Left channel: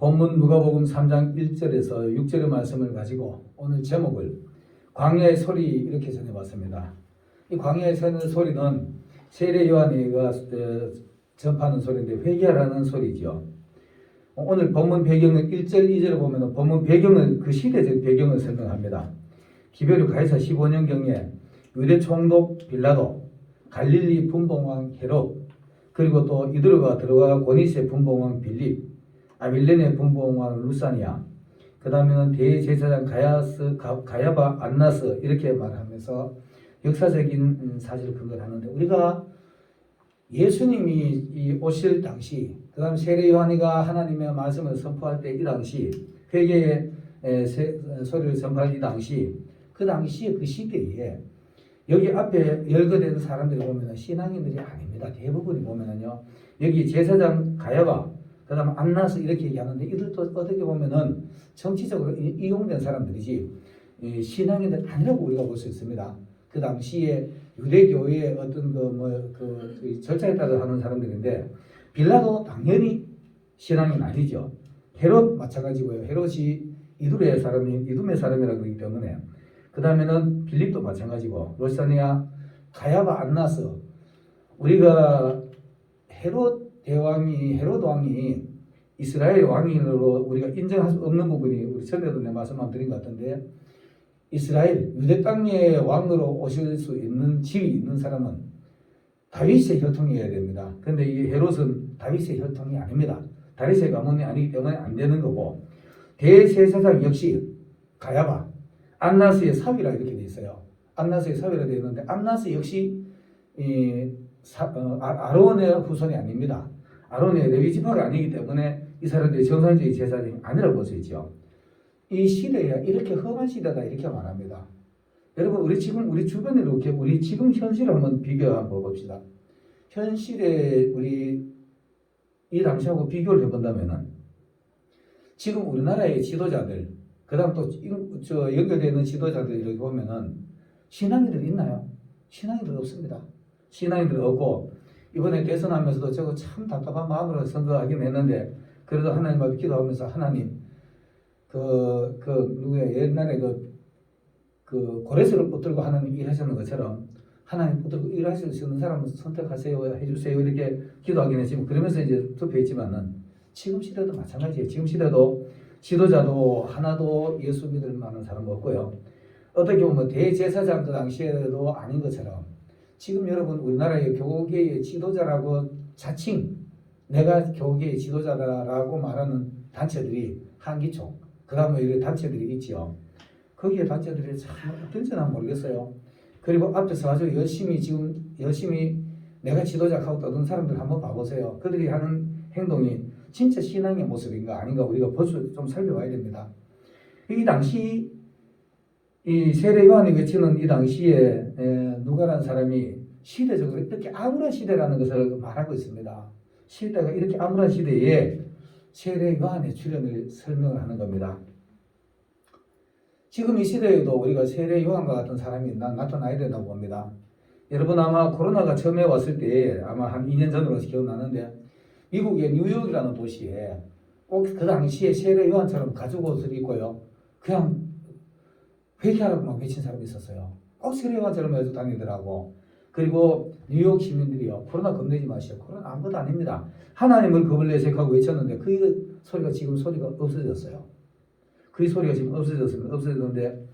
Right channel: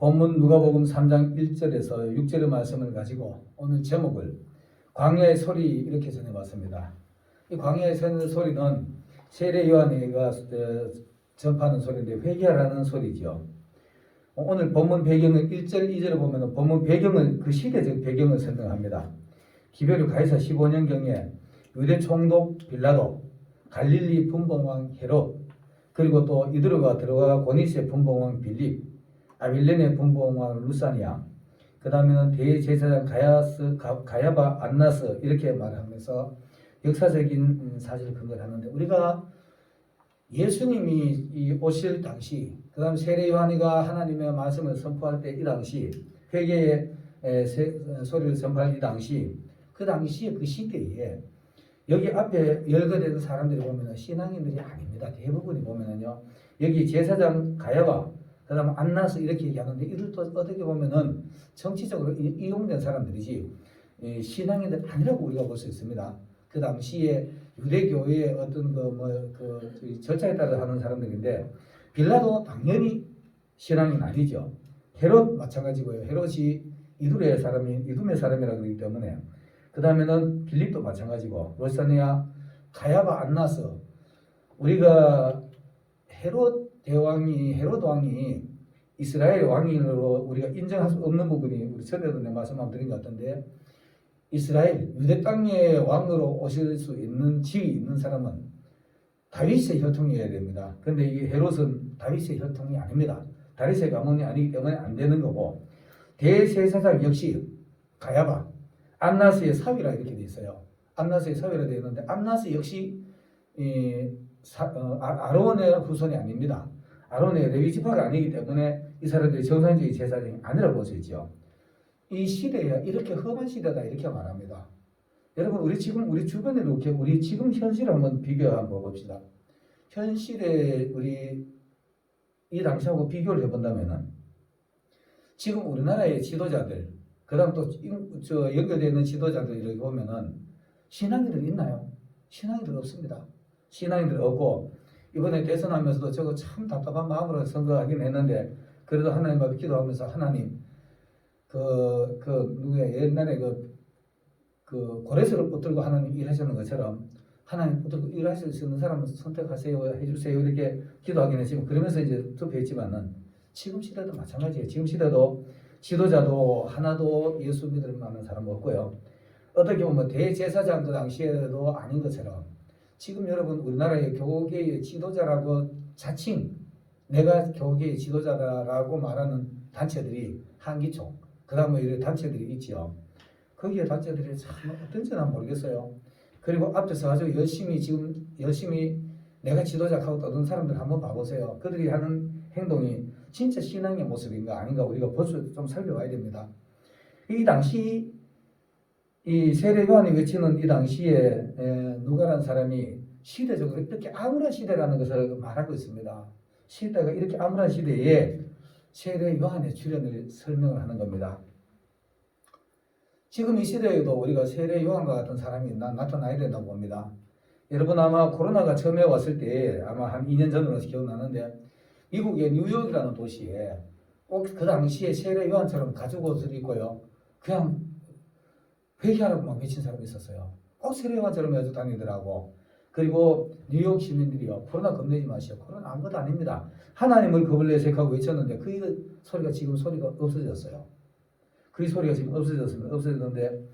본문 누가복음 3장 1절에서 6절의 말씀을 가지고 오늘 제목을 광야의 소리 이렇게 전해봤습니다. 이 광야의 소리는 세례 요한이가 전파하는 소리인데 회개하라는 소리죠. 오늘 본문 배경은 1절 2절을 보면 본문 배경은 그 시대적 배경을 설명합니다. 기베르 가이사 15년경에 유대 총독 빌라도, 갈릴리 분봉왕 헤롯, 그리고 또 이드로가 들어가 고니세 분봉왕 빌립, 아빌레네 분봉왕 루사니아, 그 다음에는 대제사장 가야바 안나스 이렇게 말하면서 역사적인 사실을 근거를 하는데, 우리가 예수님이 오실 당시, 그 다음 세례 요한이가 하나님의 말씀을 선포할 때 이 당시, 회개의 소리를 선포할 이 당시, 그 당시에 그 시대에 여기 앞에 열거된 사람들이 보면 신앙인들이 아닙니다. 대부분이 보면은요, 여기 제사장 가야바, 그 다음 안나스 이렇게 얘기하는데, 이들도 어떻게 보면은 정치적으로 이용된 사람들이지 신앙인들 아니라고 우리가 볼 수 있습니다. 그 당시에 유대교회의 어떤 그 절차에 따라 하는 사람들인데, 빌라도 당연히 신앙인 아니죠. 헤롯 마찬가지고요. 헤롯이 이두메 사람이라 그러기 때문에. 그 다음에는 빌립도 마찬가지고, 루사니아, 가야바, 안나스. 우리가 헤롯 왕이 이스라엘 왕으로 우리가 인정할 수 없는 부분이 우리 전에도 내 말씀만 드린 것 같은데, 이스라엘 유대 땅의 왕으로 오실 수 있는 지위 있는 사람은 다윗의 혈통이어야 됩니다. 그런데 이 헤롯은 다윗의 혈통이 아닙니다. 다윗의 가문이 아니기 때문에 안 되는 거고, 대제사장 역시 가야바, 안나스의 사위라 이렇게 돼 있어요. 안나스의 사위라 되어 있는데, 안나스 역시 아론의 후손이 아닙니다. 아론의 레위 지파가 아니기 때문에 이 사람들이 정상적인 제사장이 아니라고 볼 수 있죠. 이 시대에 이렇게 험한 시대다 이렇게 말합니다. 여러분, 우리 주변에 이렇게 우리 지금 현실을 한번 비교 한번 봅시다. 현실에 우리 이 당시하고 비교를 해본다면은, 지금 우리나라의 지도자들, 그다음 또 연결되어 있는 지도자들 이렇게 보면은 신앙인들 있나요? 신앙인들 없습니다. 신앙인들 없고, 이번에 대선하면서도 저거 참 답답한 마음으로 선거하긴 했는데, 그래도 하나님 앞에 기도하면서 하나님, 옛날에 그 고레스를 붙들고 하나님 일하시는 것처럼 하나님 붙들고 일하실 수 있는 사람을 선택하세요, 해주세요 이렇게 기도하긴 했지만, 그러면서 이제 투표했지만은 지금 시대도 마찬가지예요. 지금 시대도 지도자도 하나도 예수 믿을 만한 사람 없고요. 어떻게 보면 대제사장 그 당시에도 아닌 것처럼 지금 여러분 우리나라의 교계의 지도자라고 자칭 내가 교계의 지도자다라고 말하는 단체들이 한기총, 그 다음에 이런 단체들이 있죠. 거기에 단체들이 참 어떤지 난 모르겠어요. 그리고 앞에서 아주 열심히 내가 지도자하고 떠든 사람들 한번 봐보세요. 그들이 하는 행동이 진짜 신앙의 모습인가 아닌가 우리가 벌써 좀 살펴봐야 됩니다. 이 당시 이 세례 요한이 외치는 이 당시에 누가라는 사람이 시대적으로 이렇게 암울한 시대라는 것을 말하고 있습니다. 시대가 이렇게 암울한 시대에 세례 요한의 출현을 설명을 하는 겁니다. 지금 이 시대에도 우리가 세례 요한과 같은 사람이 나타나야 된다고 봅니다. 여러분 아마 코로나가 처음에 왔을 때 아마 한 2년 전으로 기억나는데, 미국의 뉴욕이라는 도시에 꼭 그 당시에 세례 요한처럼 가죽 옷을 입고요, 그냥 회개하라고 막 외친 사람이 있었어요. 꼭 세례 요한처럼 해서 다니더라고. 그리고 뉴욕 시민들이요, 코로나 겁내지 마시오. 코로나 아무것도 아닙니다. 하나님을 겁을 내색하고 외쳤는데 그 소리가 지금 없어졌어요. 그 소리가 지금 없어졌는데,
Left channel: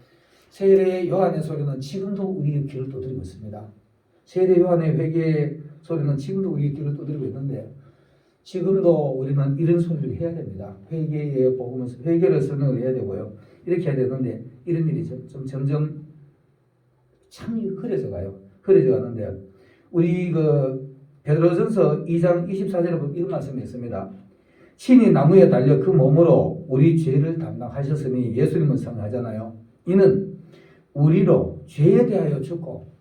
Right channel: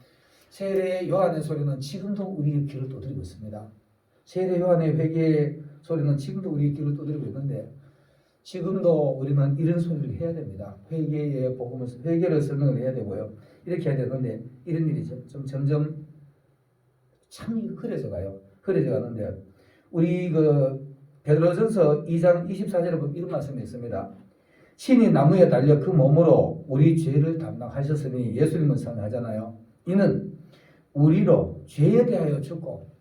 세례 요한의 소리는 지금도 우리의 귀를 두드리고 있습니다. 세례 요한의 회개의 소리는 지금도 우리의 귀를 두드리고 있는데, 지금도 우리는 이런 소리를 해야 됩니다. 회개의 복음을, 회개를 설명을 해야 되고요. 이렇게 해야 되는데, 이런 일이 점점 참 흐려져 가요. 흐려져 가는데, 우리 베드로전서 2장 24절에 보면 이런 말씀이 있습니다. 신이 나무에 달려 그 몸으로 우리 죄를 담당하셨으니, 예수님을 상하잖아요. 이는 우리로 죄에 대하여 죽고,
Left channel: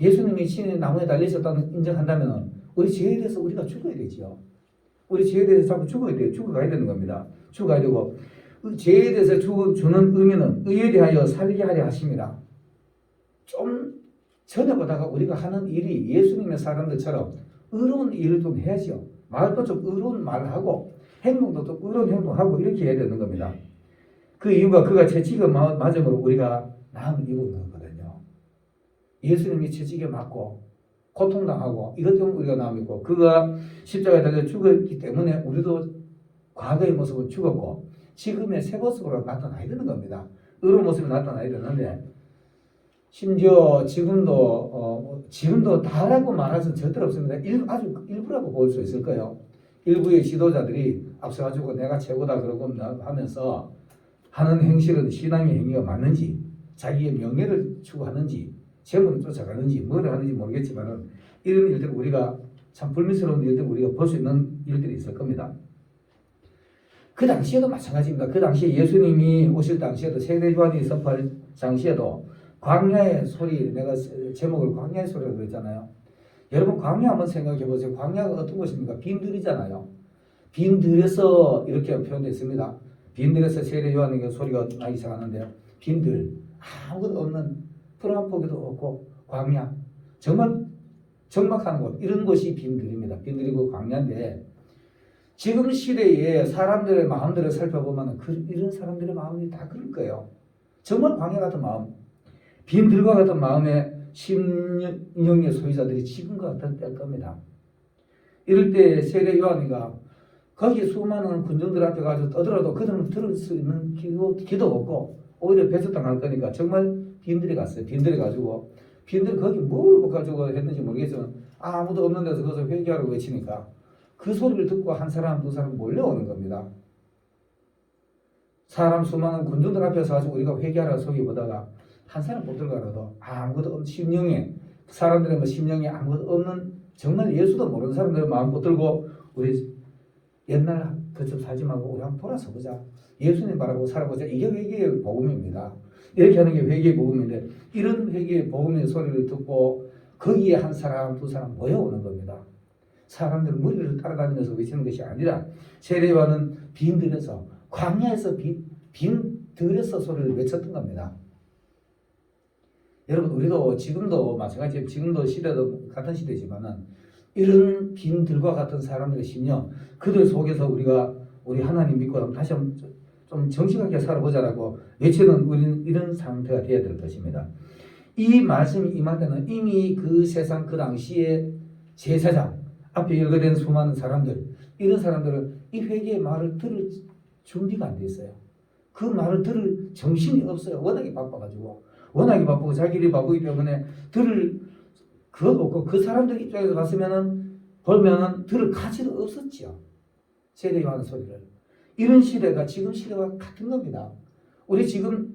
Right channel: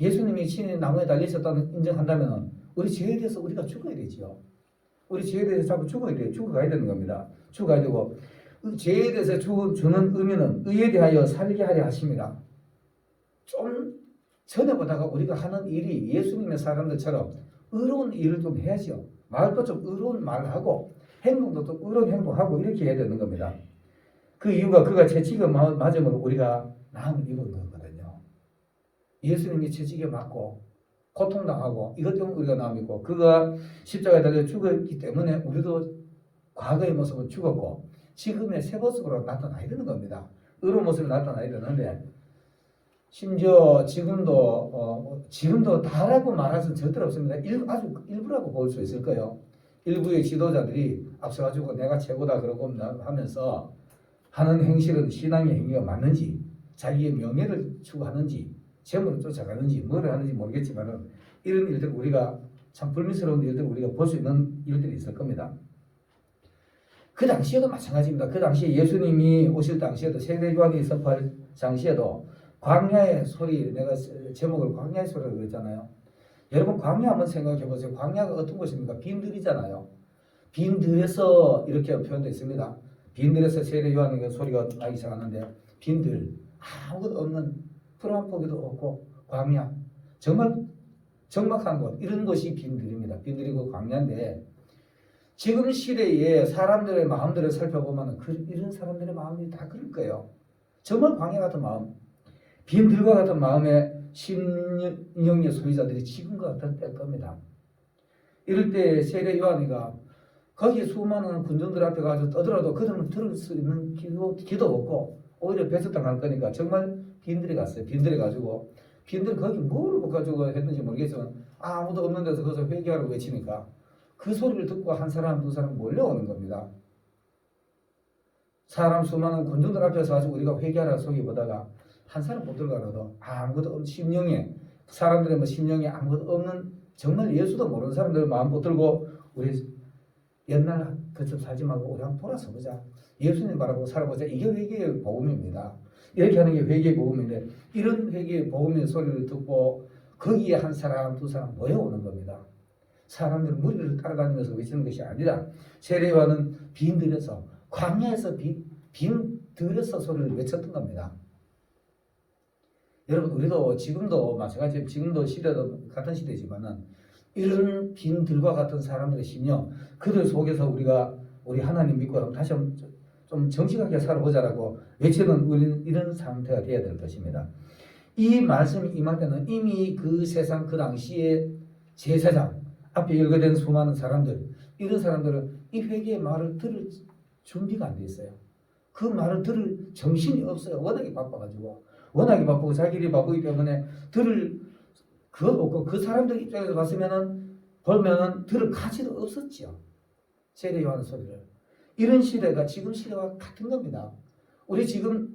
예수님이 신이 나무에 달리셨다는 인정한다면 우리 죄에 대해서 우리가 죽어야 되지요. 우리 죄에 대해서 자꾸 죽어야 돼요. 죽어가야 되는 겁니다. 죽어야 되고, 그 죄에 대해서 주는 의미는 의에 대하여 살게 하려 하심이라. 좀 전에 보다가 우리가 하는 일이 예수님의 사람들처럼 의로운 일을 좀 해야죠. 말도 좀 의로운 말을 하고, 행동도 또 의로운 행동하고 이렇게 해야 되는 겁니다. 그 이유가 그가 채찍을 맞음으로 우리가 나음을 입은 거거든요. 예수님이 채찍에 맞고 고통당하고 이것 때문에 우리가 나음 입고 그가 십자가에 달려 죽었기 때문에 우리도 과거의 모습은 죽었고 지금의 새 모습으로 나타나야 되는 겁니다. 의로운 모습이 나타나야 되는데 심지어 지금도 다라고 말할 수는 절대로 없습니다. 아주 일부라고 볼 수 있을 거예요. 일부의 지도자들이 앞서가지고 내가 최고다 그러고 하면서 하는 행실은 신앙의 행위가 맞는지 자기의 명예를 추구하는지 재물을 쫓아가는지 뭘 하는지 모르겠지만 이런 일들 우리가 참 불미스러운 일들 우리가 볼 수 있는 일들이 있을 겁니다. 그 당시에도 마찬가지입니다. 그 당시에 예수님이 오실 당시에도 세례요한이 선포할 당시에도 광야의 소리, 내가 제목을 광야의 소리라고 그랬잖아요. 여러분 광야 한번 생각해 보세요. 광야가 어떤 곳입니까? 빈들이잖아요. 빈들에서 이렇게 표현됐습니다. 빈들에서 세례요한의 소리가 나기 시작하는데 빈들, 아무것도 없는 푸른 한 포기도 없고 광야, 정말 적막한 곳, 이런 곳이 빈들입니다. 빈들이고 광야인데 지금 시대에 사람들의 마음들을 살펴보면 이런 사람들의 마음이 다 그럴 거예요. 정말 광야 같은 마음, 빈들과 같은 마음의 심령의 소유자들이 지금과 같은 때일 겁니다. 이럴 때 세례 요한이가 거기에 수많은 군중들 앞에 가서 떠들어도 그들은 들을 수 있는 기도 없고 오히려 배척당할 거니까 정말 빈들에 갔어요. 빈들에 가지고 빈들 거기 뭘 가지고 했는지 모르겠지만 아무도 없는 데서 거기서 회개하라고 외치니까 그 소리를 듣고 한 사람 두 사람 몰려오는 겁니다. 사람 수많은 군중들 앞에서 가지고 우리가 회개하라 소리 보다가 한 사람 못 들어가라도 아무것도 심령에 사람들의 심령에 아무것도 없는 정말 예수도 모르는 사람들의 마음 붙들고 우리 옛날 그처럼 살지 말고 우리 한번 돌아서 보자. 예수님 바라보고 살아보자. 이게 회개의 복음입니다. 이렇게 하는 게 회개의 복음인데 이런 회개의 복음의 소리를 듣고 거기에 한 사람 두 사람 모여오는 겁니다. 사람들 무리를 따라다니면서 외치는 것이 아니라 세례요한은 빈들에서 광야에서 빈들에서 소리를 외쳤던 겁니다. 여러분 우리도 지금도 마찬가지예요. 지금도 시대도 같은 시대지만은 이런 빈들과 같은 사람들의 심령 그들 속에서 우리가 우리 하나님 믿고 다시 한번 좀 정직하게 살아보자라고 외치는 우리는 이런 상태가 되어야 될 것입니다. 이 말씀이 임할 때는 이미 그 세상 그 당시에 제사장 앞에 열거된 수많은 사람들 이런 사람들은 이 회개의 말을 들을 준비가 안 돼 있어요. 그 말을 들을 정신이 없어요. 워낙에 바빠가지고 워낙에 바쁘고 자기들이 바쁘기 때문에 들을 그것도 없고 그 사람들 입장에서 봤으면은 보면은 들을 가치도 없었죠. 세례 요한 소리를 이런 시대가 지금 시대와 같은 겁니다. 우리 지금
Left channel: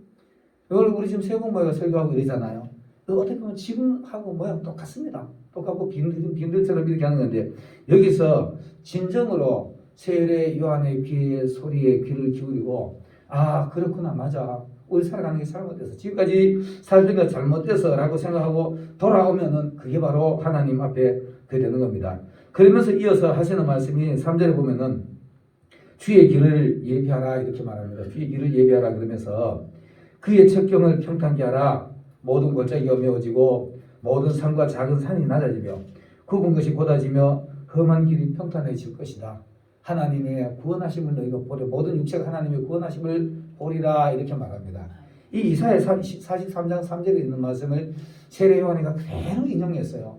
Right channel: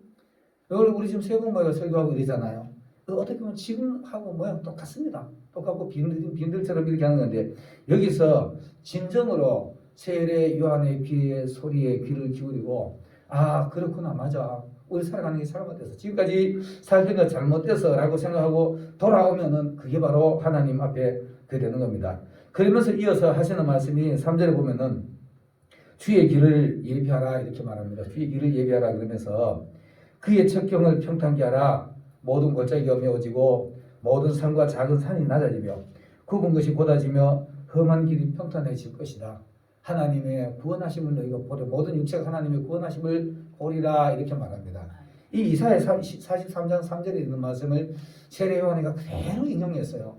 우리 지금 세번 모여 설교하고 이러잖아요. 어떻게 보면 지금하고 모양 똑같습니다. 똑같고 빈들처럼 이렇게 하는 건데 여기서 진정으로 세례 요한의 귀에 소리에 귀를 기울이고 아 그렇구나 맞아 우리 살아가는 게 잘못돼서 지금까지 살던 거 잘못돼서 라고 생각하고 돌아오면은 그게 바로 하나님 앞에 그 되는 겁니다. 그러면서 이어서 하시는 말씀이 3절에 보면은 주의 길을 예비하라 이렇게 말합니다. 주의 길을 예비하라 그러면서 그의 첩경을 평탄케 하라. 모든 골짜기가 메워지고 모든 산과 작은 산이 낮아지며 굽은 것이 곧아지며 험한 길이 평탄해질 것이다. 하나님의 구원하심을 너희가 보려 모든 육체가 하나님의 구원하심을 보리라 이렇게 말합니다. 이 이사야 43장 3절에 있는 말씀을 세례 요한이가 그대로 인용했어요.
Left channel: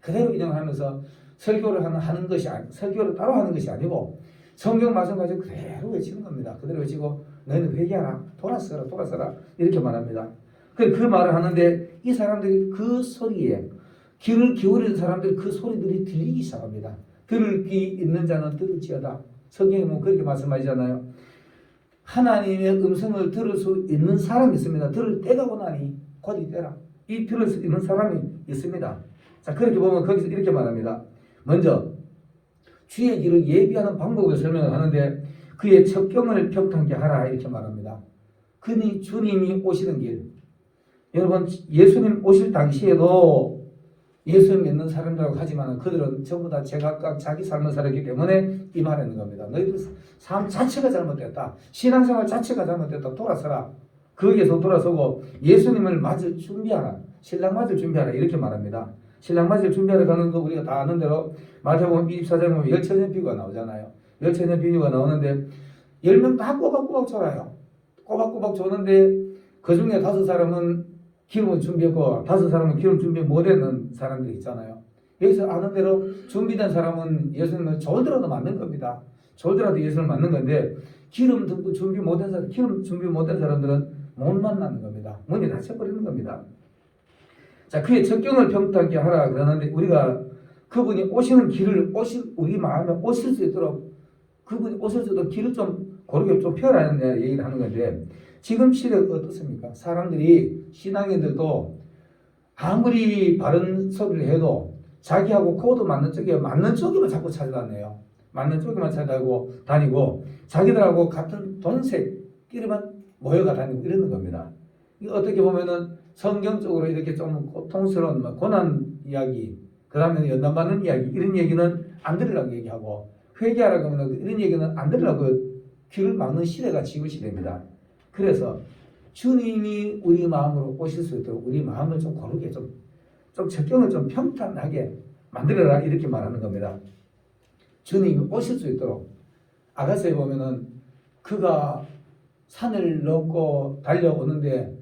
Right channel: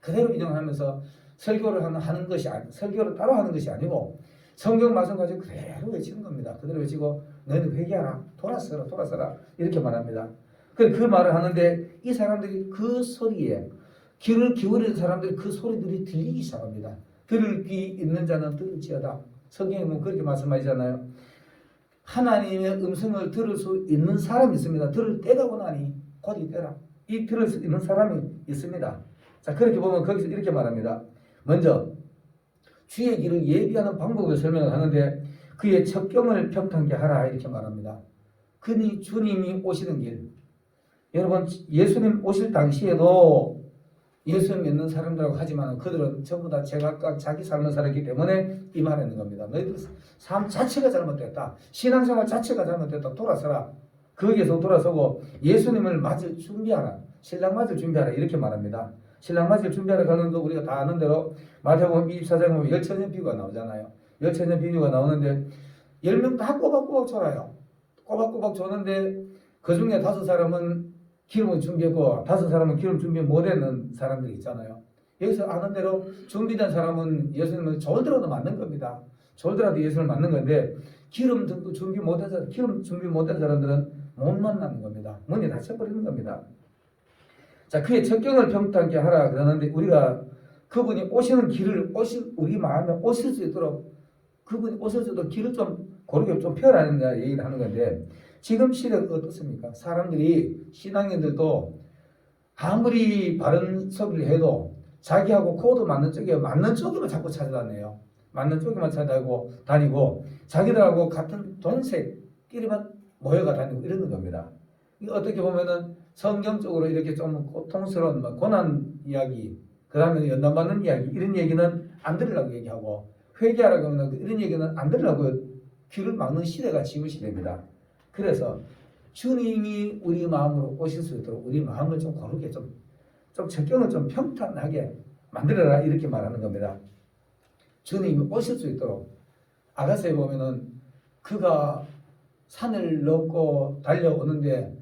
그대로 인용하면서 설교를 따로 하는 것이 아니고 성경 말씀 가지고 그대로 외치는 겁니다. 그대로 외치고 너희는 회개하라 돌아서라 이렇게 말합니다. 그 말을 하는데 이 사람들이 그 소리에 귀를 기울이는 사람들이 그 소리들이 들리기 시작합니다. 들을 귀 있는 자는 들을지어다. 성경에 보면 그렇게 말씀하잖아요. 하나님의 음성을 들을 수 있는 사람이 있습니다. 들을 때가 오나니 곧 이때라. 이 들을 수 있는 사람이 있습니다. 자 그렇게 보면 거기서 이렇게 말합니다. 먼저 주의 길을 예비하는 방법을 설명을 하는데 그의 첩경을 평탄케 하라 이렇게 말합니다. 그니 주님이 오시는 길. 여러분 예수님 오실 당시에도 예수 믿는 사람들하고 하지만 그들은 전부 다 제각각 자기 삶을 살았기 때문에 이 말하는 겁니다. 너희들 삶 자체가 잘못됐다. 신앙생활 자체가 잘못됐다. 돌아서라. 거기에서 돌아서고 예수님을 맞을 준비하라. 신랑 맞을 준비하라. 이렇게 말합니다. 신랑 맞을 준비하라 하는 거 우리가 다 아는 대로 마태복음 24장에 보면 열처녀 비유가 나오잖아요. 열차전 비디오가 나오는데 10명 다 꼬박꼬박 졸아요. 꼬박꼬박 조는데 그 중에 5사람은 기름을 준비했고 5사람은 기름 준비 못했는 사람들이 있잖아요. 여기서 아는 대로 준비된 사람은 예수님을 졸더라도 맞는 겁니다. 졸더라도 예수님을 맞는 건데 기름 준비 못한 사람들은 못 만나는 겁니다. 문이 닫혀버리는 겁니다. 자, 그의 적경을 평탄케 하라 그러는데 우리가 그분이 오시는 길을 우리 마음에 오실 수 있도록 그분이 오실 수 있도록 길을 좀 고르게 좀 펴라는 얘기를 하는 건데 지금 시대가 어떻습니까? 사람들이 신앙인들도 아무리 바른 소리를 해도 자기하고 코드 맞는 쪽에만 자꾸 찾아다녀요. 맞는 쪽에만 다니고 자기들하고 같은 돈색끼리만 모여가 다니고 이러는 겁니다. 어떻게 보면은 성경적으로 이렇게 좀 고통스러운 고난 이야기, 그 다음에 연단받는 이야기 이런 얘기는 안 들으려고 얘기하고 회개하라고 하면 이런 얘기는 안 들으려고 귀를 막는 시대가 지금 시대입니다. 그래서 주님이 우리 마음으로 오실 수 있도록 우리 마음을 좀 고르게 좀 적경을 좀 평탄하게 만들어라 이렇게 말하는 겁니다. 주님이 오실 수 있도록 아가서에 보면은 그가 산을 넘고 달려오는데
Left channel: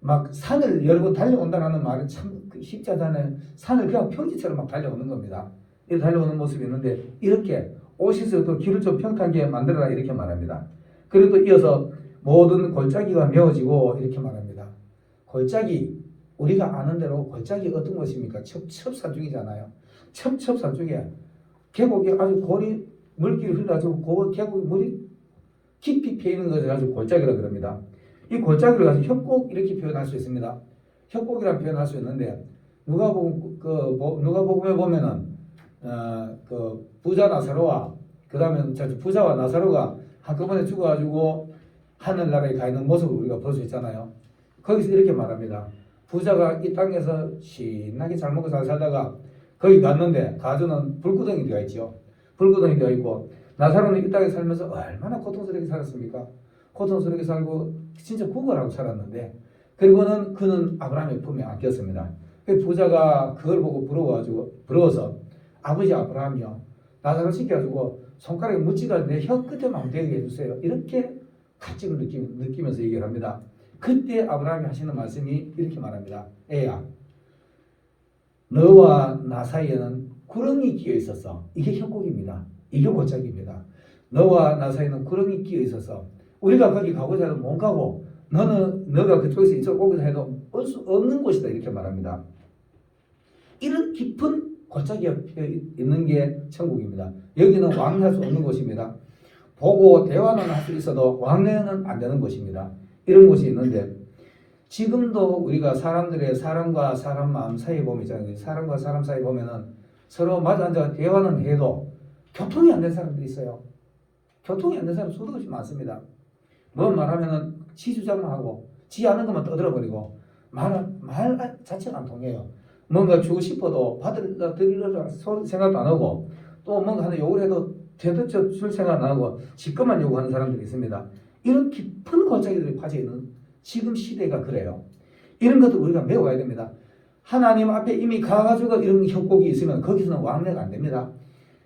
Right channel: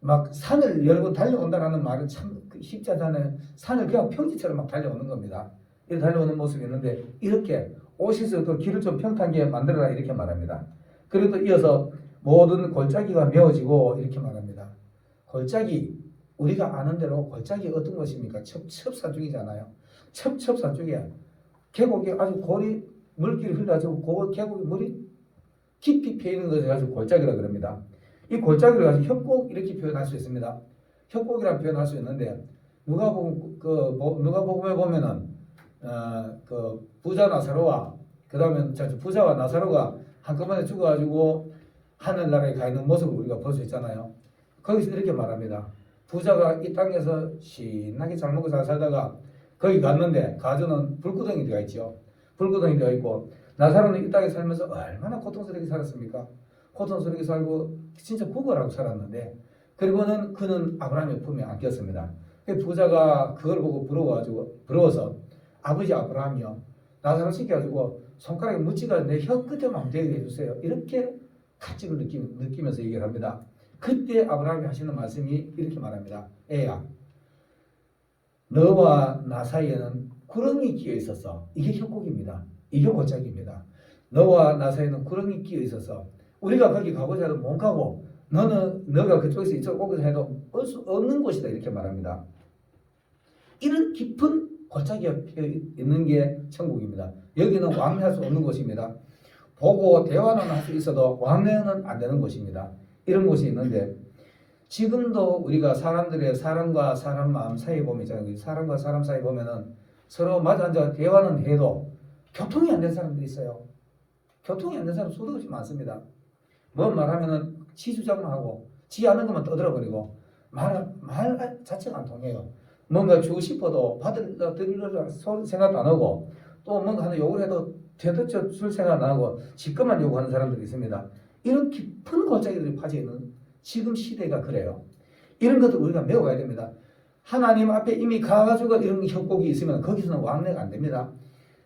막 산을 여러 번 달려온다는 말은 참 쉽지 않잖아요. 산을 그냥 평지처럼 막 달려오는 겁니다. 이렇게 달려오는 모습이 있는데 이렇게 오실 수 있도록 길을 좀 평탄하게 만들어라 이렇게 말합니다. 그리고 이어서 모든 골짜기가 메워지고 이렇게 말합니다. 골짜기 우리가 아는 대로 골짜기 어떤 것입니까? 첩첩산중이잖아요. 첩첩산중에 계곡이 아주 골이 물길이 흘러가지고 그 계곡이 물이 깊이 패이는 것을 가지고 골짜기라 그럽니다. 이 골짜기를 가지고 협곡 이렇게 표현할 수 있습니다. 협곡이라 표현할 수 있는데 누가복음에 보면은 그 부자 나사로와 그 다음에 부자와 나사로가 한꺼번에 죽어가지고 하늘나라에 가 있는 모습을 우리가 볼 수 있잖아요. 거기서 이렇게 말합니다. 부자가 이 땅에서 신나게 잘 먹고 잘 살다가 거기 갔는데 가주는 불구덩이 되어 있죠. 불구덩이 되어 있고 나사로는 이 땅에 살면서 얼마나 고통스럽게 살았습니까? 고통스럽게 살고 진짜 구걸하고 살았는데 그리고는 그는 아브라함의 품에 안겼습니다. 그 부자가 그걸 보고 부러워서 아버지 아브라함이요 나사로 시켜가지고 손가락에 묻지가 내 혀 끝에만 대게 해주세요. 이렇게 가치를 느끼면서 얘기를 합니다. 그때 아브라함이 하시는 말씀이 이렇게 말합니다. 애야 너와 나 사이에는 구렁이 끼어 있어서 이게 협곡입니다. 이게 골짜기입니다. 너와 나 사이에는 구렁이 끼어 있어서 우리가 거기 가고자 해도 못 가고 너가 그쪽에서 이쪽 오고자 해도 올 수 없는 곳이다 이렇게 말합니다. 이런 깊은 골짜기가 있는 게 천국입니다. 여기는 왕래할 수 없는 곳입니다. 보고 대화는 할 수 있어도 왕래는 안 되는 곳입니다. 이런 곳이 있는데 지금도 우리가 사람과 사람 마음 사이에 보면 있잖아요. 사람과 사람 사이에 보면은 서로 마주 앉아 대화는 해도 교통이 안 된 사람들이 있어요. 교통이 안 된 사람 수도 없이 많습니다. 뭔 말하면은 지 주장만 하고 지 아는 것만 떠들어버리고 말 자체가 안 통해요. 뭔가 주고 싶어도 드리려고 생각도 안 하고 또 뭔가 하는 요구를 해도 되도록 줄 생각 안 하고 지금만 요구하는 사람들이 있습니다. 이런 깊은 골짜기들이 빠져 있는 지금 시대가 그래요. 이런 것들 우리가 배워야 됩니다. 하나님 앞에 이미 가가지고 이런 협곡이 있으면 거기서는 왕래가 안 됩니다.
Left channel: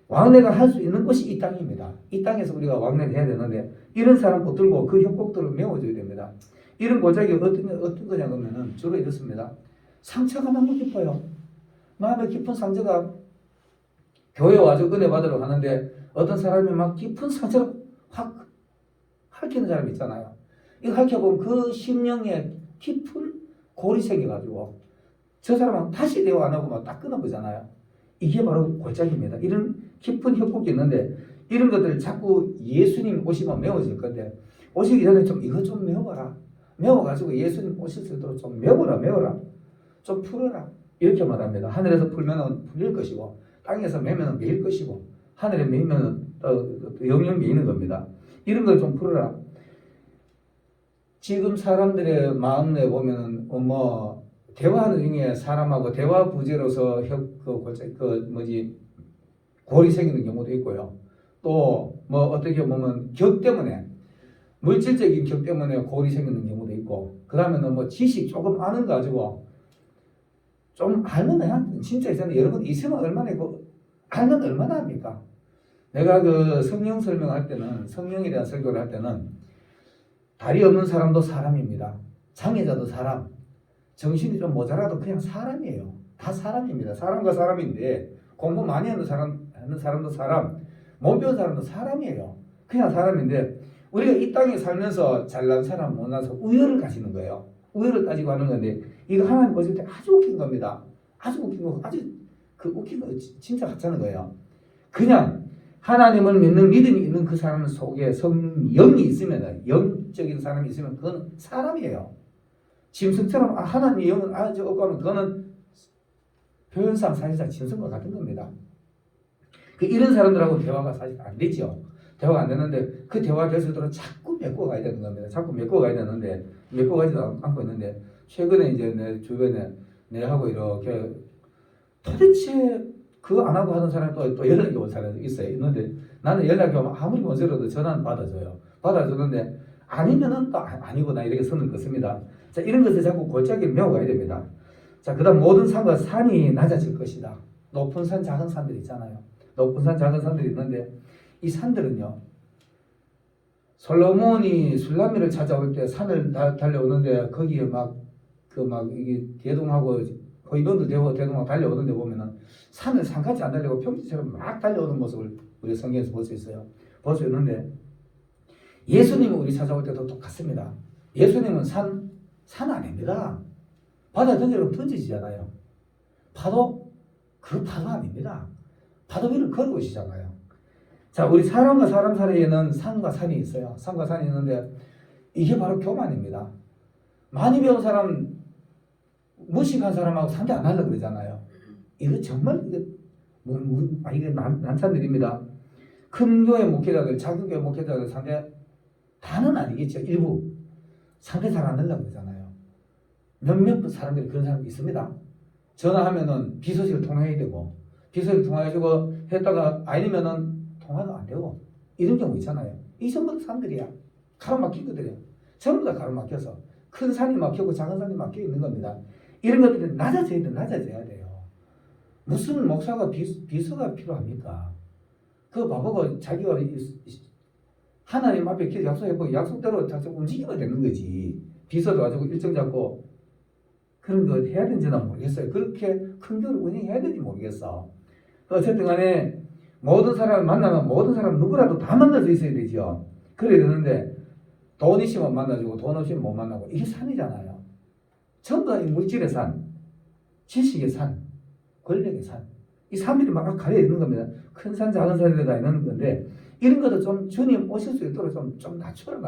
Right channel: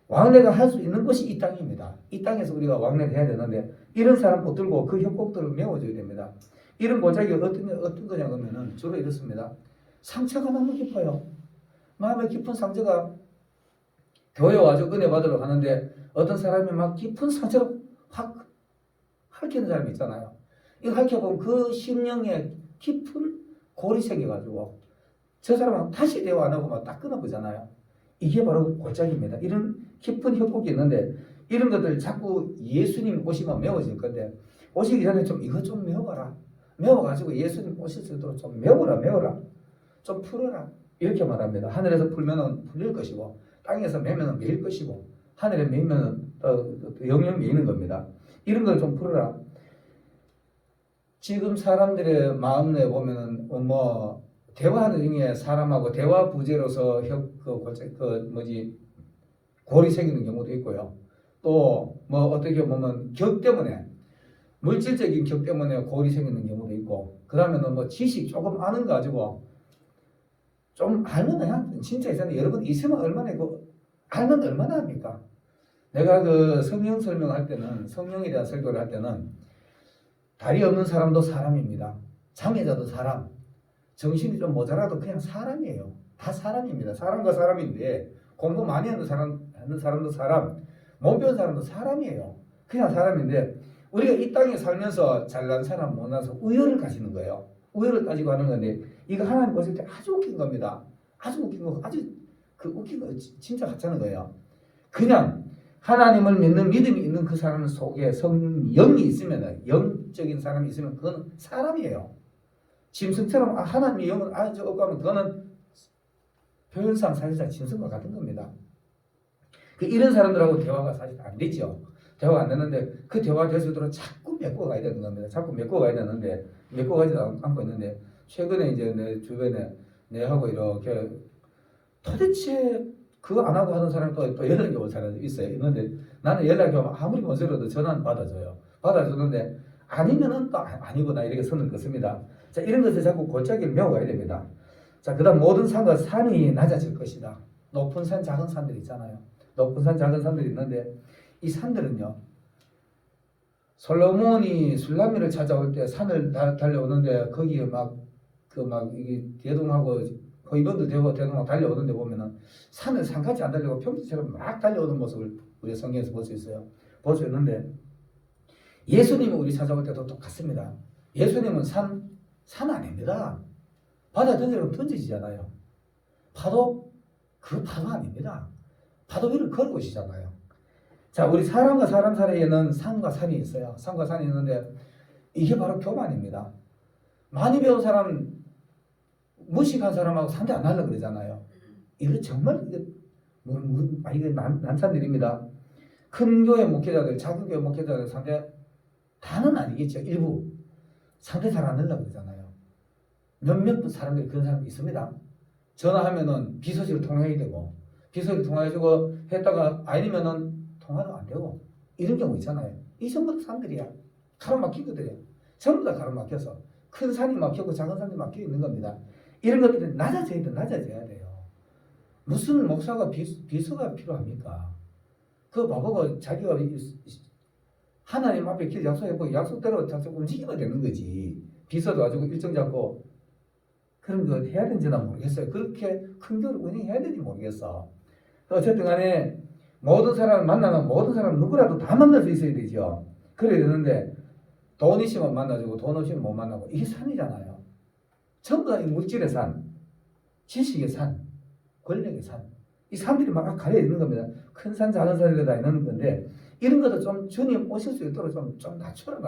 왕래가 할 수 있는 곳이 이 땅입니다. 이 땅에서 우리가 왕래를 해야 되는데 이런 사람 붙들고 그 협곡들을 메워줘야 됩니다. 이런 골짜기가 어떤 거냐 그러면은 주로 이렇습니다. 상처가 너무 깊어요. 마음에 깊은 상처가 교회 와서 은혜 받으러 가는데 어떤 사람이 막 깊은 상처를 확 핥히는 사람이 있잖아요. 이거 핥혀보면 그 심령에 깊은 골이 생겨가지고 저 사람은 다시 대화 안 하고 막 딱 끊어보잖아요. 이게 바로 골짜기입니다. 이런 깊은 협곡이 있는데 이런 것들 자꾸 예수님 오시면 메워질 건데 오시기 전에 좀 이거 좀 메워라. 메워가지고 예수님 오실 수 있도록 좀 메워라. 좀 풀어라. 이렇게 말합니다. 하늘에서 풀면 풀릴 것이고 땅에서 매면 매일 것이고 하늘에 매면 영영 매이는 겁니다. 이런 걸 좀 풀어라. 지금 사람들의 마음에 보면은 대화하는 중에 사람하고 대화 부재로서 골이 생기는 경우도 있고요. 또 어떻게 보면 격 때문에 물질적인 격 때문에 골이 생기는 경우도 있고 그 다음에는 지식 조금 아는 거 가지고 좀 알면 진짜 있잖아요. 여러분 있으면 얼마나 알면 얼마나 합니까? 내가 그 성령 설명할 때는, 성령에 대한 설교를 할 때는 다리 없는 사람도 사람입니다. 장애자도 사람, 정신이 좀 모자라도 그냥 사람이에요. 다 사람입니다. 사람과 사람인데 공부 많이 하는 사람도 사람, 못 배운 사람도 사람이에요. 그냥 사람인데 우리가 이 땅에 살면서 잘난 사람, 못난 사람, 우열을 가지는 거예요. 우열을 따지고 하는 건데 이거 하나님 보실 때 아주 웃긴 겁니다. 아주 웃긴 거, 아주 그 웃긴 거 진짜 같다는 거예요. 그냥 하나님을 믿는 믿음이 있는 그 사람 속에 성령이 있으면, 영적인 사람이 있으면 그건 사람이에요. 짐승처럼 하나님의 영은 저거 하면 그거는 표현상 사실상 짐승과 같은 겁니다. 이런 사람들하고 대화가 사실 안 되죠. 대화가 안 되는데 그 대화가 될 수 있도록 자꾸 메꿔 가야 되는 겁니다. 자꾸 메꿔 가야 되는데 메꿔 가지도 않고 있는데 최근에 이제 내 주변에 내하고 이렇게 도대체 그거 안 하고 하는 사람이 또 연락이 온 사람이 있어요. 있는데 나는 연락이 오면 아무리 먼저라도 전화는 받아줘요. 받아주는데 아니면은 또 아니구나 이렇게 선을 긋습니다. 자, 이런 것을 자꾸 골짜기를 메워가야 됩니다. 자, 그 다음 모든 산과 산이 낮아질 것이다. 높은 산, 작은 산들 있잖아요. 높은 산, 작은 산들이 있는데 이 산들은요. 솔로몬이 술라미를 찾아올 때 산을 달려오는데 거기에 이게 대동하고 거의번들 대동하고 달려오는데 보면은 산을 산같이 안 달리고 평지처럼 막 달려오는 모습을 우리 성경에서 볼 수 있어요. 볼 수 있는데 예수님은 우리 찾아올 때도 똑같습니다. 예수님은 산 아닙니다. 바다에 던지지잖아요. 파도 아닙니다. 파도 위를 걸어오시잖아요. 자, 우리 사람과 사람 사이에는 산과 산이 있어요. 산과 산이 있는데 이게 바로 교만입니다. 많이 배운 사람, 무식한 사람하고 상대 안 하려고 그러잖아요. 이거 정말 이게 난산들입니다. 큰 교회 목회자들, 작은 교회 목회자들 상대 다는 아니겠죠. 일부 상대 잘 안 하려고 그러잖아요. 몇몇 사람들이 그런 사람이 있습니다. 전화하면은 비서실을 통해야 되고 비서실 통화해주고 했다가 아니면은 통화도 안 되고 이런 경우 있잖아요. 이 정도 사람들이야. 가로막히거든요. 전부 다 가로막혀서 큰 산이 막히고 작은 산이 막혀 있는 겁니다. 이런 것들이 낮아져야 돼요. 무슨 목사가 비서가 필요합니까? 그거 바보고 자기가 하나님 앞에 길 약속했고 약속대로 움직이면 되는 거지. 비서도 가지고 일정 잡고 그런 거 해야 되는지는 모르겠어요. 그렇게 큰 교를 운영해야 되는지 모르겠어. 어쨌든 간에 모든 사람을 만나면 모든 사람 누구라도 다 만날 수 있어야 되죠. 그래야 되는데 돈 있으면 만나주고 돈 없으면 못 만나고 이게 산이잖아요. 전부 다 이 물질의 산, 지식의 산, 권력의 산. 이 산들이 막 가려 있는 겁니다. 큰 산, 작은 산이 다 있는 건데 이런 것도 좀 주님 오실 수 있도록 좀 낮춰라.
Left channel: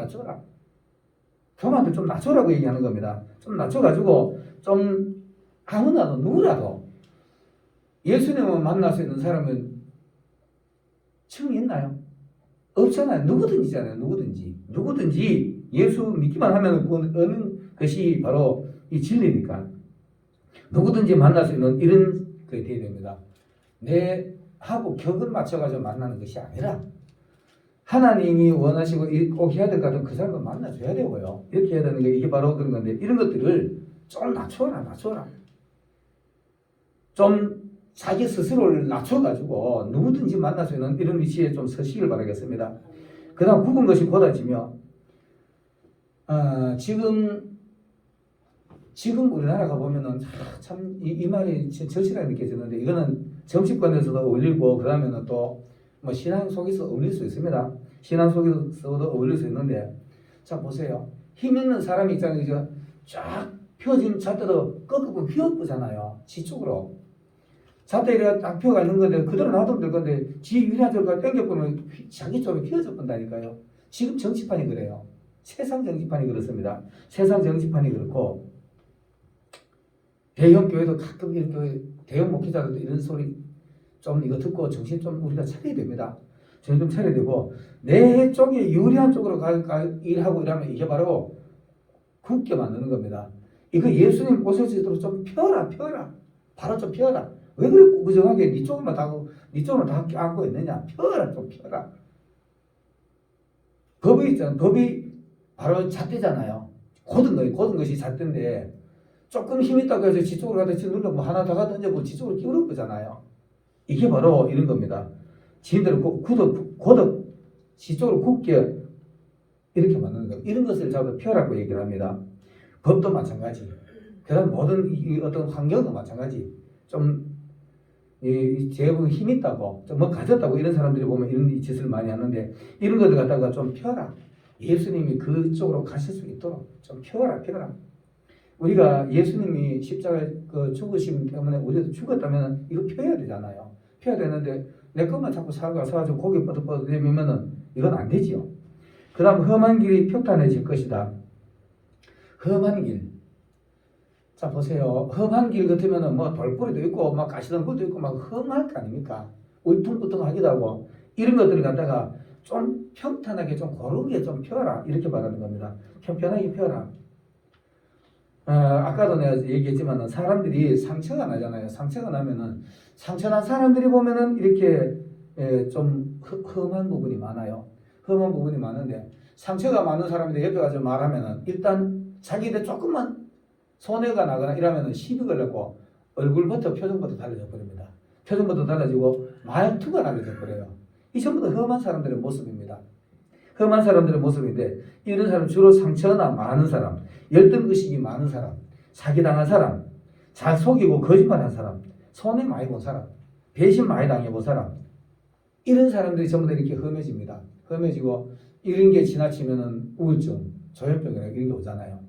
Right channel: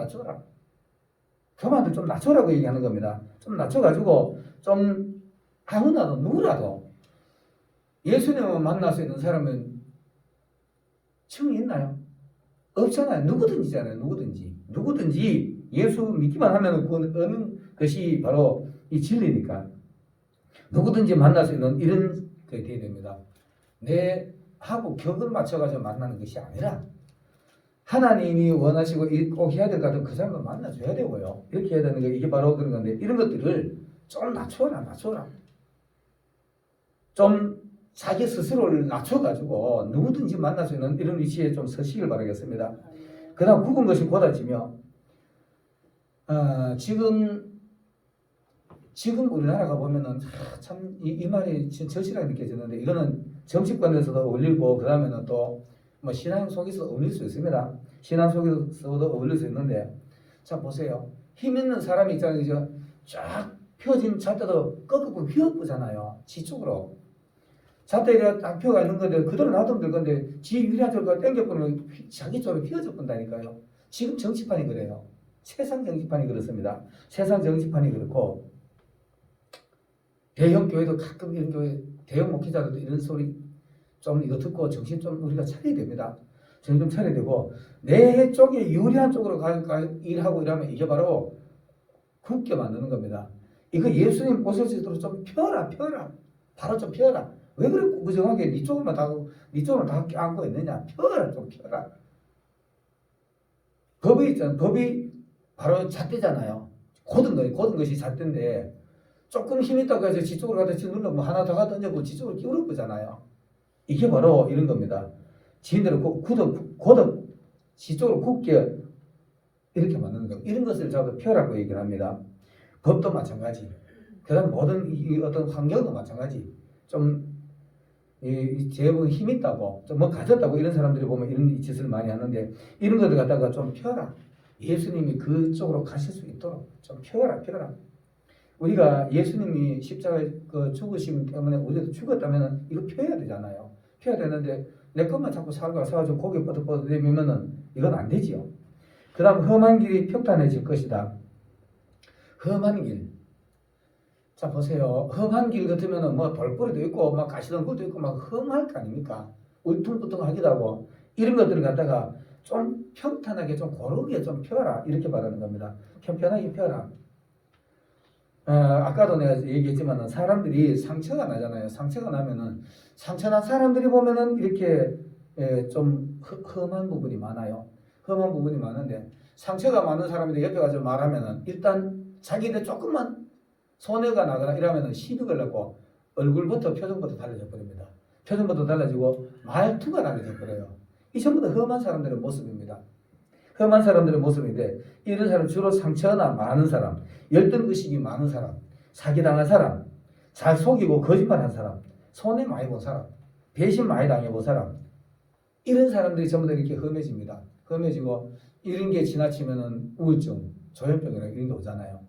교만들 좀 낮춰라고 얘기하는 겁니다. 좀 낮춰가지고 좀 아무나도 누구라도 예수님을 만날 수 있는 사람은 층이 있나요? 없잖아요. 누구든지잖아요. 누구든지 예수 믿기만 하면 얻는 것이 바로 이 진리니까 누구든지 만날 수 있는 이런 것이 되어야 됩니다. 내하고 격을 맞춰가지고 만나는 것이 아니라 하나님이 원하시고 꼭 해야 될 것 같은 그 사람을 만나줘야 되고요. 이렇게 해야 되는 게 이게 바로 그런 건데 이런 것들을 좀 낮춰라. 좀 자기 스스로를 낮춰가지고 누구든지 만날 수 있는 이런 위치에 좀 서시길 바라겠습니다. 그 다음 굵은 것이 곧아지며 지금 우리나라가 보면은 참 이 말이 절실하게 느껴지는데 이거는 정치권에서도 어울리고 그 다음에는 또 뭐 신앙 속에서 어울릴 수 있습니다. 신앙 속에서도 어울릴 수 있는데 자 보세요. 힘 있는 사람이 있잖아요. 쫙 펴진 잣대도 꺾어보면 휘어쁘잖아요. 지쪽으로. 잣대 이렇게 딱 펴가 있는 건데 그대로 놔두면 될 건데 지 위라저가 당겨보면 자기 쪽으로 휘어져 본다니까요. 지금 정치판이 그래요. 세상 정치판이 그렇습니다. 세상 정치판이 그렇고 대형 교회도 가끔 이런 교회 대형 목회자들도 이런 소리 좀 이거 듣고 정신 좀 우리가 차려야 됩니다. 정신 좀 차려야 되고 내 쪽에 유리한 쪽으로 일하고 이러면 이게 바로 굳게 만드는 겁니다. 이거 예수님 보실 수 있도록 좀 펴라. 바로 좀 펴라. 왜 그렇게 무정하게 네 쪽으로만 다 안고 있느냐. 펴라. 법이 있잖아. 법이 바로 잣대잖아요. 고든 것이 잣대인데 조금 힘 있다고 해서 지쪽으로 가다 눌러면 하나 더 던져보고 지쪽으로 끼우는 거잖아요. 이게 바로 이런 겁니다. 지인들을 고덕 시쪽으로 굳게 이렇게 만드는 거. 이런 것을 자꾸 펴라고 얘기를 합니다. 법도 마찬가지. 그다음 모든 이 어떤 환경도 마찬가지. 좀 제법 힘 있다고, 좀 뭐 가졌다고 이런 사람들이 보면 이런 짓을 많이 하는데 이런 것들 갖다가 좀 펴라. 예수님이 그쪽으로 가실 수 있도록 좀 펴라. 우리가 예수님이 십자가에 죽으심 때문에 우리도 죽었다면 이거 펴야 되잖아요. 펴야 되는데 내 것만 자꾸 사가지고 고개 뻗어뻗어 내밀면은 이건 안 되지요. 그 다음 험한 길이 평탄해질 것이다. 험한 길. 자 보세요. 험한 길 같으면은 뭐 돌뿌리도 있고 막 가시덤불도 있고 막 험할 거 아닙니까? 울퉁불퉁하기도 하고 이런 것들을 갖다가 좀 평탄하게 좀 고르게 좀 펴라 이렇게 말하는 겁니다. 편편하게 펴라. 아까도 내가 얘기했지만 사람들이 상처가 나잖아요. 상처가 나면은 상처 난 사람들이 보면은 이렇게 좀 험한 부분이 많아요. 험한 부분이 많은데 상처가 많은 사람인데 옆에 가서 말하면은 일단 자기들 조금만 손해가 나거나 이러면은 시비 걸렸고 얼굴부터 표정부터 달라져 버립니다. 표정부터 달라지고 말투가 달라져 버려요. 이 전부 다 험한 사람들의 모습입니다. 험한 사람들의 모습인데 이런 사람 주로 상처나 많은 사람, 열등의식이 많은 사람, 사기당한 사람, 잘 속이고 거짓말한 사람, 손해 많이 본 사람, 배신 많이 당해본 사람 이런 사람들이 전부 다 이렇게 험해집니다. 험해지고 이런 게 지나치면은 우울증, 조현병이나 이런 게 오잖아요.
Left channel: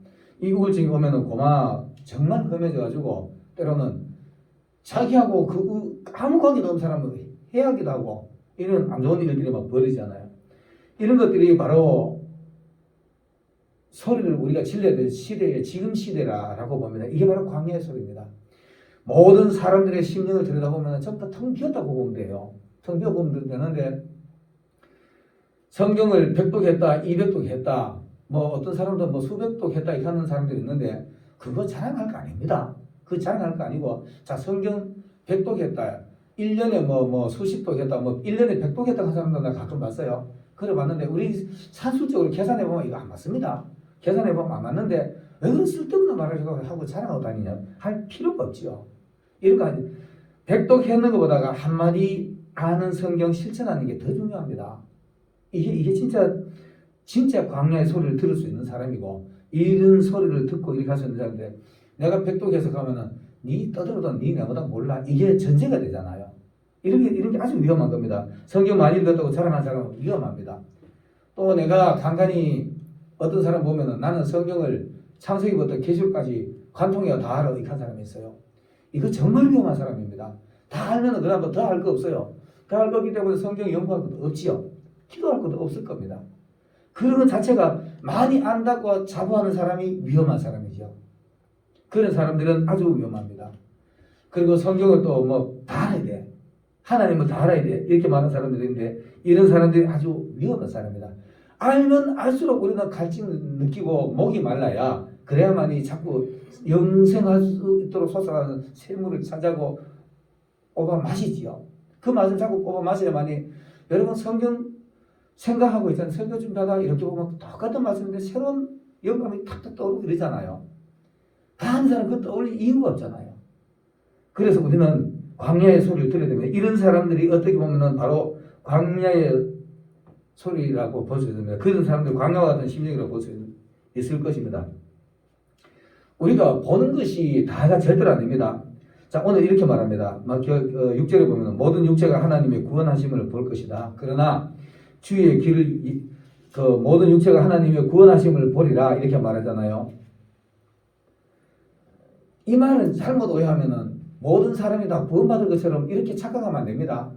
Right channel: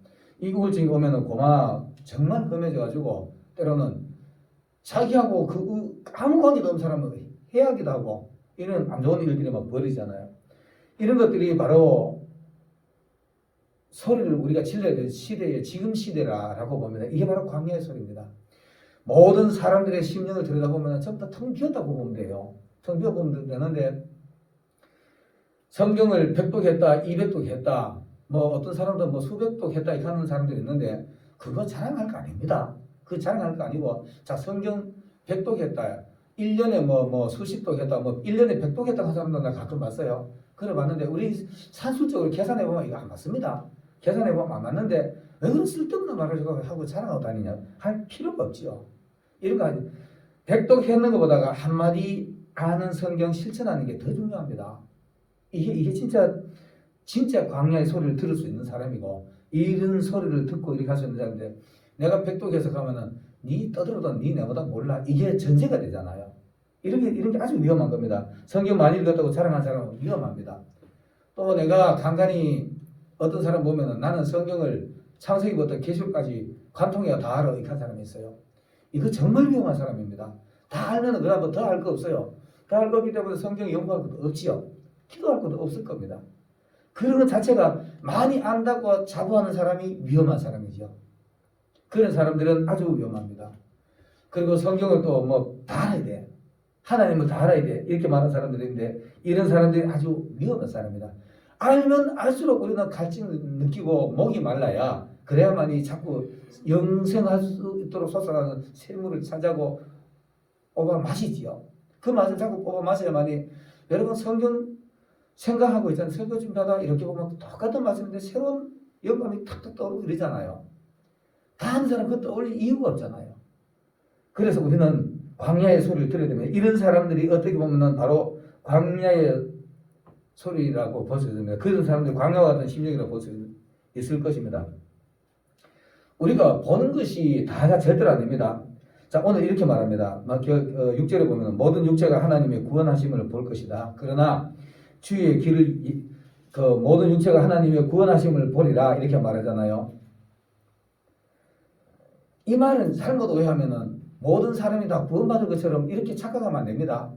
이 우울증이 오면은 고마 정말 험해져가지고 때로는 자기하고 아무 관계도 없는 사람을 해하기도 하고 이런 안 좋은 일들이 막 벌어지잖아요. 이런 것들이 바로 소리를 우리가 질러야 될 시대의 지금 시대라고 봅니다. 이게 바로 광야의 소리입니다. 모든 사람들의 심령을 들여다보면 전부 다 텅 비었다고 보면 돼요. 텅 비어 보면 되는데 성경을 100독 했다, 200독 했다, 뭐 어떤 사람도 뭐 수백독 했다 이렇게 하는 사람들이 있는데 그거 자랑할 거 아닙니다. 그거 자랑할 거 아니고 자 성경 100독 했다, 1년에 뭐 수십독 했다, 뭐 1년에 100독 했다 하는 사람도 나 가끔 봤어요. 그래 봤는데 우리 산술적으로 계산해 보면 이거 안 맞습니다. 계산해 보면 안 맞는데 왜 그런 쓸데없는 말을 하고 자랑하고 다니냐 할 필요가 없지요. 이런 거 아니 100독 했는 것보다가 한마디 아는 성경 실천하는 게 더 중요합니다. 이게 진짜 광야의 소리를 들을 수 있는 사람이고 이런 소리를 듣고 이렇게 할 수 있는 사람인데 내가 100독 해석하면은 니 떠들어도 니 내보다 몰라 이게 전제가 되잖아요. 이런 게 아주 위험한 겁니다. 성경 많이 읽었다고 자랑하는 사람은 위험합니다. 또 내가 간간히 어떤 사람 보면은 나는 성경을 창세기부터 계시록까지 관통해야 다 알아 이렇게 한 사람이 있어요. 이거 정말 위험한 사람입니다. 다 알면은 그다음에 더 알 거 없어요. 다 알 거기 때문에 성경 연구할 것도 없지요. 기도할 것도 없을 겁니다. 그런 것 자체가 많이 안다고 자부하는 사람이 위험한 사람이죠. 그런 사람들은 아주 위험합니다. 그리고 성경을 또 뭐 다 알아야 돼. 하나님을 다 알아야 돼. 이렇게 말하는 사람들인데 이런 사람들이 아주 위험한 사람입니다. 알면 알수록 우리는 갈증을 느끼고 목이 말라야 그래야만이 자꾸 영생할 수 있도록 솟아가는 샘물을 찾아고 뽑아 마시지요. 그 맛을 자꾸 뽑아 마셔야만이 여러분 성경 생각하고 있잖아요. 설교 준비하다 이렇게 보면 똑같은 말씀인데 새로운 영감이 탁탁 떠오르고 이러잖아요. 다른 사람 그거 떠올릴 이유가 없잖아요. 그래서 우리는 광야의 소리를 들어야 됩니다. 이런 사람들이 어떻게 보면 바로 광야의 소리라고 볼 수 있습니다. 그런 사람들이 광야와 같은 심령이라고 볼 수 있을 것입니다. 우리가 보는 것이 다가 절대로 아닙니다. 자, 오늘 이렇게 말합니다. 6절에 보면 모든 육체가 하나님의 구원하심을 볼 것이다. 그러나 주의 길을 모든 육체가 하나님의 구원하심을 보리라 이렇게 말하잖아요. 이 말은 잘못 오해하면은 모든 사람이 다 구원받을 것처럼 이렇게 착각하면 안 됩니다.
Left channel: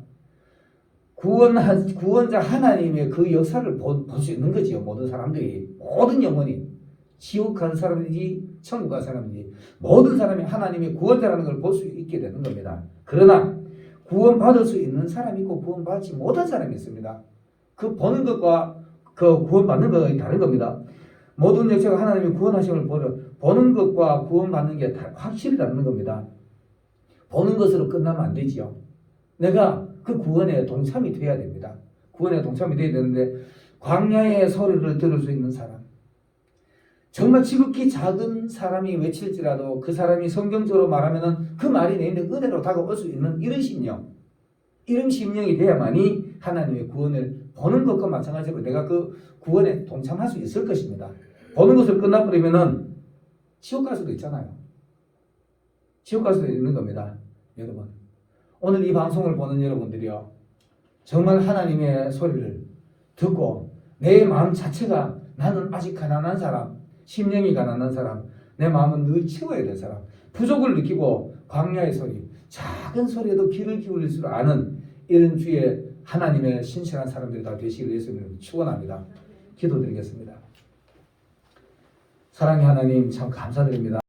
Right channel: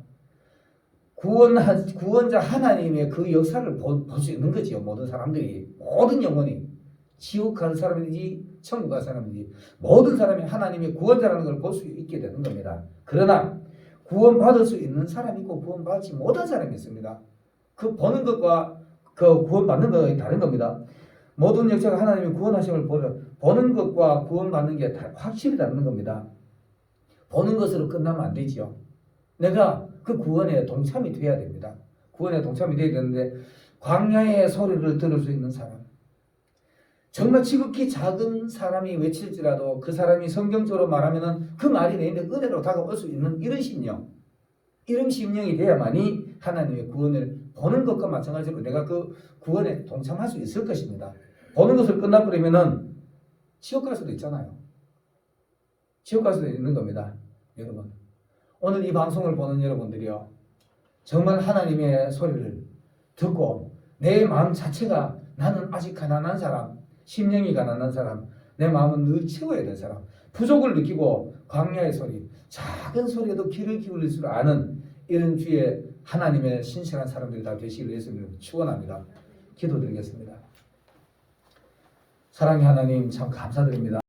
구원자 하나님의 그 역사를 볼 수 있는 거지요. 모든 사람들이 모든 영혼이 지옥 간 사람이지 천국 간 사람이지 모든 사람이 하나님의 구원자라는 걸 볼 수 있게 되는 겁니다. 그러나 구원받을 수 있는 사람이 있고 구원받지 못한 사람이 있습니다. 그 보는 것과 그 구원받는 것은 다른 겁니다. 모든 역사가 하나님의 구원하심을 보는 것과 구원받는 게 확실히 다른 겁니다. 보는 것으로 끝나면 안 되지요. 내가 그 구원에 동참이 돼야 됩니다. 구원에 동참이 돼야 되는데 광야의 소리를 들을 수 있는 사람 정말 지극히 작은 사람이 외칠지라도 그 사람이 성경적으로 말하면은 그 말이 내 은혜로 다가올 수 있는 이런 심령 이런 심령이 돼야만이 하나님의 구원을 보는 것과 마찬가지로 내가 그 구원에 동참할 수 있을 것입니다. 보는 것을 끝나버리면은 지옥 갈 수도 있잖아요. 지옥 갈 수도 있는 겁니다. 여러분, 오늘 이 방송을 보는 여러분들이요, 정말 하나님의 소리를 듣고 내 마음 자체가 나는 아직 가난한 사람, 심령이 가난한 사람, 내 마음은 늘 채워야 될 사람, 부족을 느끼고 광야의 소리, 작은 소리에도 귀를 기울일 줄 아는 이런 주의 하나님의 신실한 사람들이 다 되시기를 예수님을 축원합니다. 기도드리겠습니다. 사랑의 하나님, 참 감사드립니다.